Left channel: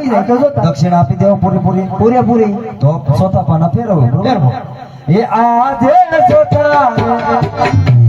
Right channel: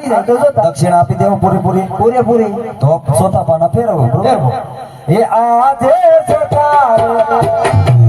આવી જાય તો. જોતા દક્ષિણ આપી દેવો પૂરેપૂરી પૂરેપૂરી તો સોતા પાના ફેરવો. બરોબર? એ આજે ચોથા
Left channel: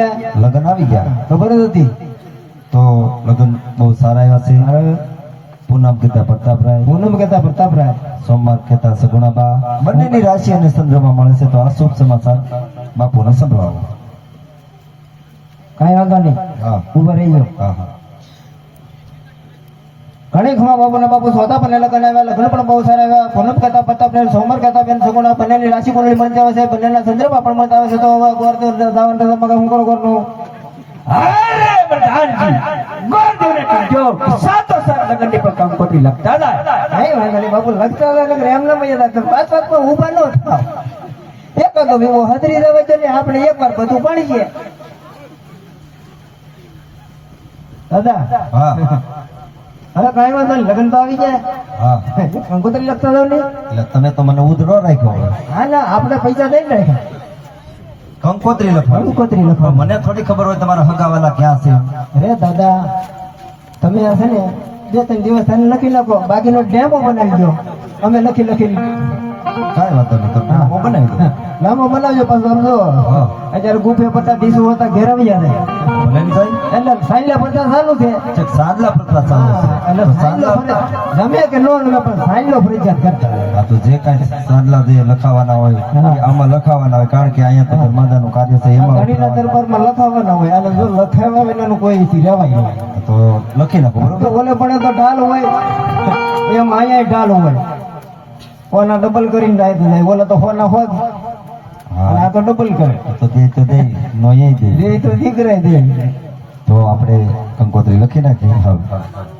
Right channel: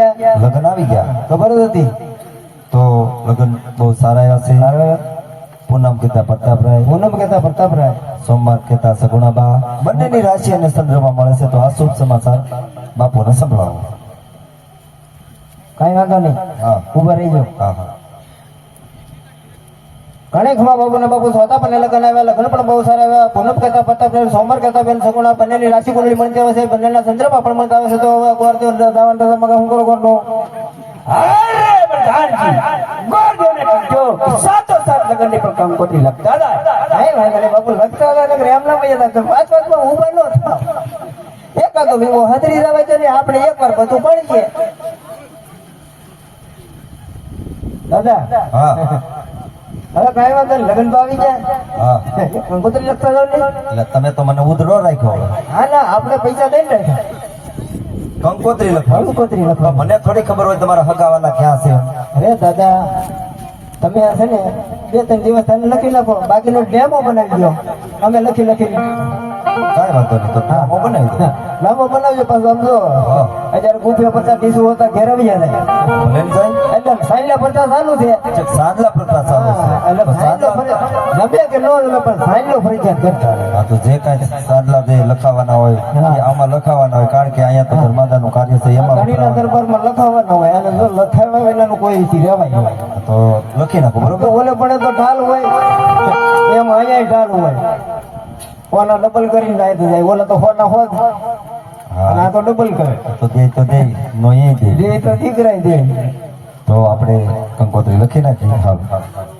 ગયા લગ્ન આવી ગયા. ખબર જ હતી. તો લગ્ન બહુ સારા એવા છે પૂનમ કહેતા પ્રતાપરાય. પૂનમ કેતા પ્રતાપરાય. સોમવાર કેતા સગુણાબા. બંનેની રાશિ અને ચંદ્રમાં મળે છે. તો આ શુભ સમાચાર બાપુને સંભળાવો. કાંઈ વાંધો નહીં. હા. ઊભા રહી જાઓ હા હા. ઘણે ખમા બાપુ સોતા પણ લગ્ન આવ્યા લગ્ન પણ બહુ સારા આવ્યા. પૂનમ કહેતા પ્રતાપરાય સોમર કહેતા બેન સગુણા બંનેની રાશિ કુંડળી મળતી આવે છે બંનેના સંદર્ભ પણ મળતા આવે છે. તો હવે ગોર દેવ દાવન દાદા મગા હમ કરો અરે પ્રધાનજી સાતો સાત પણ ખાલી ના મજા તો પાંચ ઊભા ન થાવ એક ભેગો હાજરી રહેવા છે ને આપણે એક વાર બધું પડી છે દાદા હા. હવે તો લગન તો આવી જાય. હા. કંકોત્રી લખતા જાવ ને? એટલે તમે તો મને ઉધડો રાખ્યો હવે. હા ના આપણે પૈસા દઈ ને. કંકોત્રી લખો કંકોત્રી મને થોડી ખબર હોય તમારા હગાવાલા ક્યાં છે. અરે દાદા તમે આ છે ને બે ત્રણ દિવસ થઈને લખી લખો બાકીનો ડેમો બનાવી દો અમે લખી લખી. કાંઈ વાંધો નહીં તો નામો બનાવી દો નામો પાછું જો અત્યારે ગુફે પચાસ ત્રીસો હતા ઘેર આવી ને. એટલે સાઈલા પચાસ સારું છે. સાંજલા પ્રથા ચાલે છે. એટલે સાંજલા ફરજ- ગમે કે ન ગમે પણ સાઈલો ફરજિયાત કરતા તો જે કાંઈ સાંજલા જે લખાવાના હોય આમાં લખાવાના હોય કારણ કે અહીંયા તો ધર્માદાનું કાર્ય છે એમાં દરબારમાં લખાવાના હોય અને જો લખાવા હોય એનું કોઈ થી રહેવાય નહીં. તો લખી નાખો બરોબર? ઓલે પડે તો ઢાલ હોય. એમ અહીંયા ઢાલ હોય. ઓના ડબલ કરીને જાય તો જાય ઓલા તો હોના હોત. અને આ તો ડબલ કર તો દે તો દે નો એ દે દે તો દે તો આપણે કંકોત્રી લખી નાખીએ.